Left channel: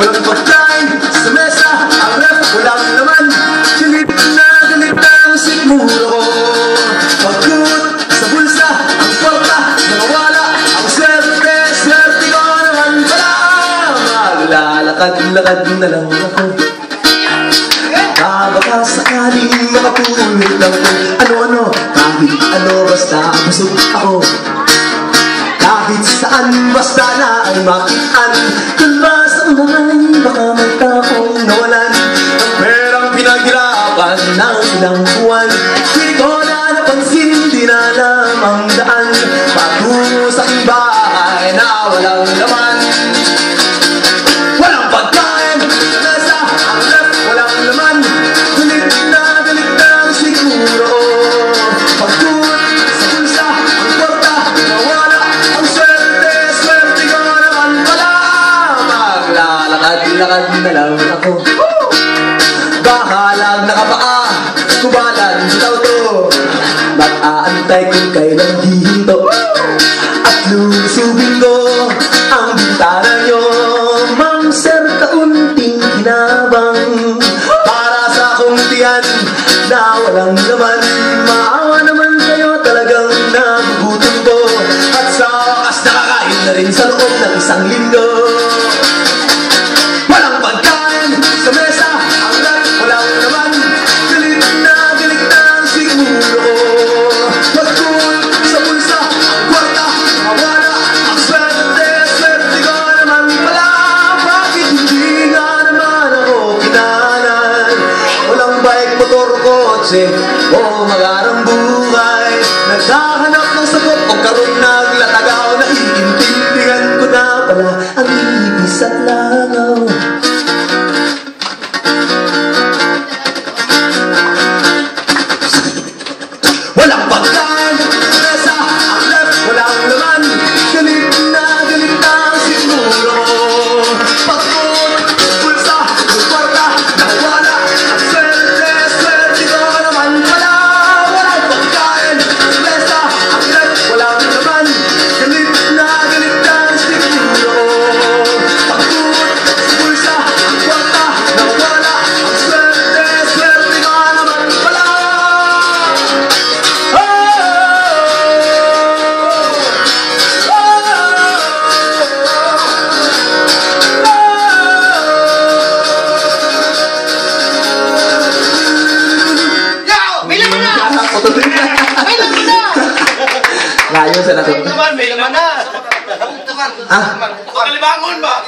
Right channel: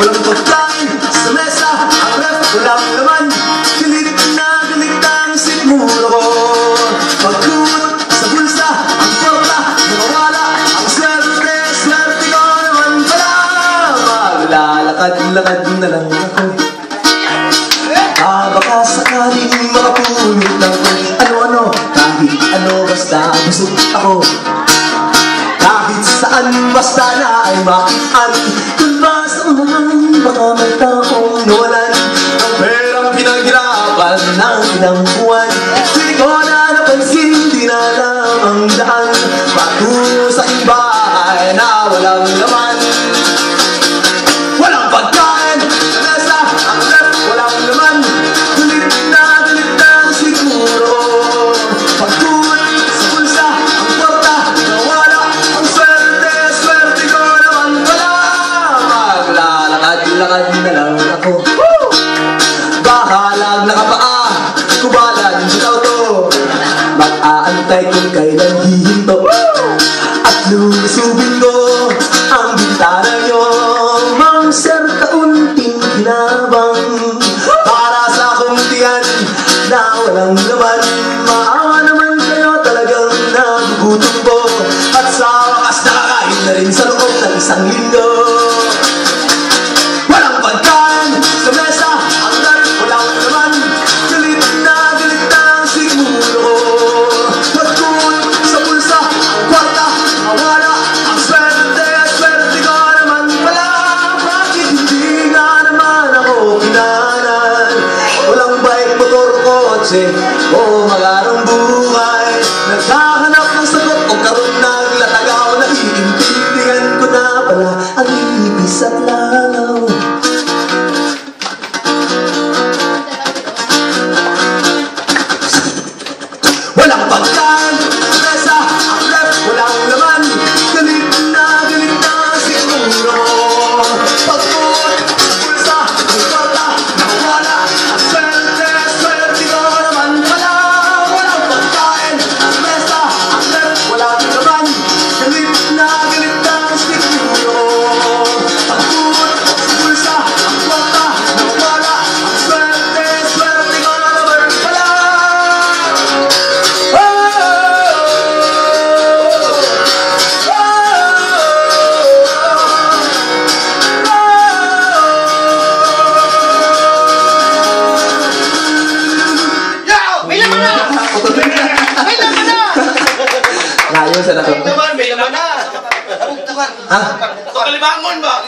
walang pagkain sa mesa. Ang ref, walang laman. Galit na ang sikmura ko. Pagkut sa bulsa, ang porta, nawawala. Ang swerte ko naman pala. Maglalakad-lakad na lang ako. Baka sakaling makapulot lang ko. Ano-ano, kahit ano, basta busog ako. Kahit saan, basta na ay makian. Kung ba sa unahan, baka may taong nawalan. Ang perang pinaghirapan ng ilang buwan. Hindi ko na napansin, di na alam ang daan. Patungo sa iba ay na walang laman. Walang pagkain sa mesa, ang ref, walang laman. Galit na ang siguro. Pagtuwid sa bulsa, ang porta, nawala. Ang swerte ko naman pala. Maglalakad-lakad na lang ako. Bahalang nakapaa, kubalan sa auto. Mag-aantay kung kailan hihinto. At lulusubin ko ang bintana nyo. Mang sir, kaunting hinabang para sa akong tiyan na walang laman. Maawa naman kayo, talagang nagugutom ko. At sa wakas nakakain na rin sa loob ng isang linggo. Walang pagkain sa mesa, ang ref, walang laman. Galit na ang sigmuro ko. Pagkul sa bulsa, ang kwarta, nawala. Ang swerte ko naman pala. Bakit hindi nga naman ako kinanan? Walang bike, motor, kotse o magarang buhay. Naghahanap ng sagot o karoon ng latagaw. Naiintindihan ko na pala ang ibis at langaw. Walang pagkain sa mesa, ang ref, walang laman. Galit na ang siguro. Pagkut sa bulsa, ang kwarta, nawala. Ang swerte ko naman pala. Walang pagkain sa mesa, ang ref, walang laman. Galit na ang siguro. Pagkut sa bulsa, ang kwarta, nawala. Ang swerte ko naman pala. Bilang mo na! Bilang mo na! Layo sa natin. Bilang mo na! Ha? Kalibangon ba?